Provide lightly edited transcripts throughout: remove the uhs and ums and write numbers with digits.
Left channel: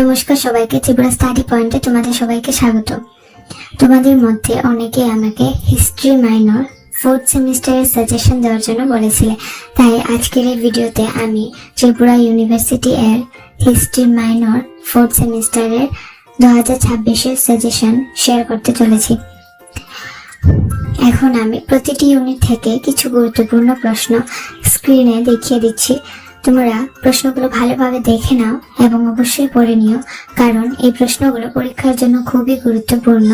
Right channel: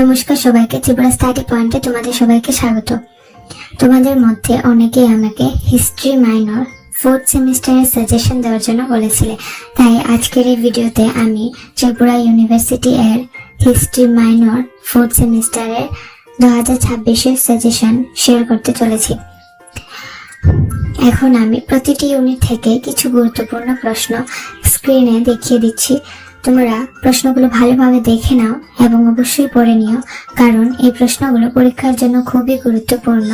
নমস্কার সবাইকে, ত্রিপুরা স্টাডি পয়েন্টে তোমাদের সবাইকে স্বাগত। তোমাদের মধ্যে অনেকেই আমাকে হিস্ট্রি মাইনর 4th সেমিস্টারের সাজেশন দেওয়ার জন্য বলেছিলে, তাই আজকের এই ভিডিওতে আমি ত্রিপুরা ইউনিভার্সিটি এর হিস্ট্রি মাইনর 4th সেমিস্টারের 2026-এর সাজেশন শেয়ার করতে চলেছি। এখন আমি প্রতিটি ইউনিট থেকে কিছু গুরুত্বপূর্ণ প্রশ্ন স্ক্রিনে দেখিয়ে দিচ্ছি। তোমরা প্রশ্নগুলো ভালোভাবে দেখে নাও এবং অবশ্যই পড়ে নিও, কারণ এই প্রশ্নগুলো পরীক্ষার জন্য খুবই গুরুত্বপূর্ণ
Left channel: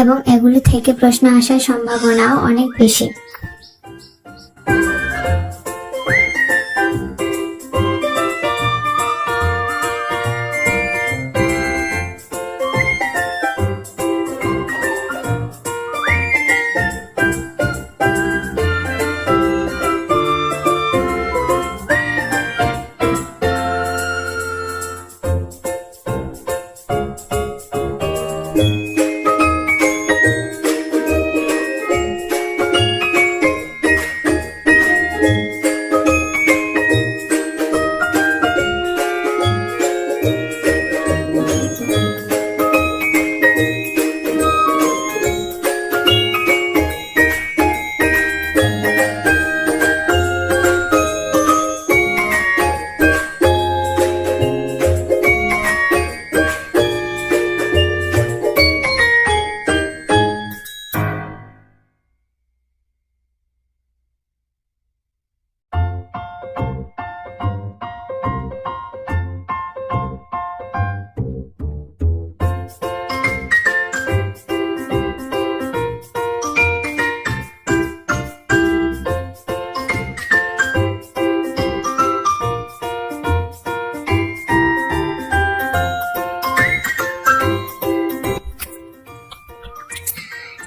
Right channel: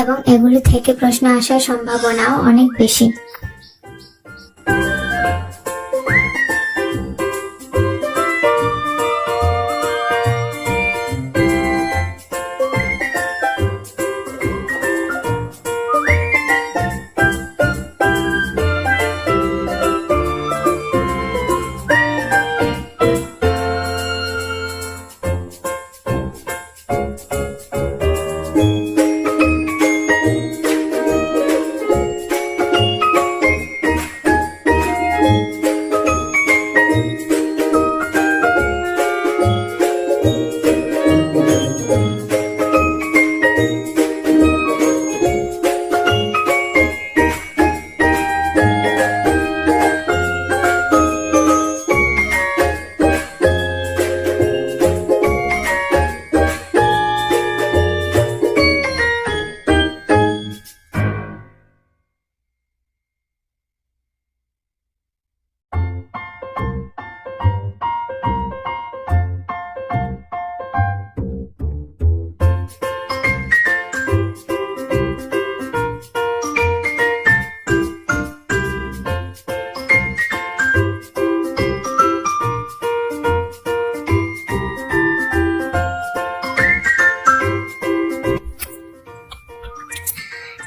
এবং এগুলো থেকে প্রশ্ন আসার সম্ভাবনাও অনেক বেশি।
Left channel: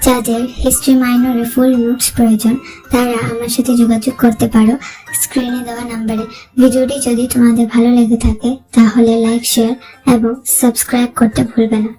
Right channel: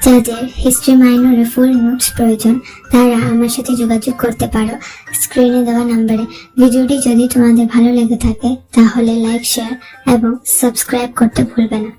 যাদের হিস্ট্রি মাইনরের ফুল নোটস প্রয়োজন তারা আমার সাথে যোগাযোগ করতে পারো স্ক্রিনে দেওয়া নাম্বারে। ভিডিওটি যদি তোমাদের ভালো লেগে থাকে তাহলে লাইক, শেয়ার এবং সাবস্ক্রাইব করতে ভুলবে না।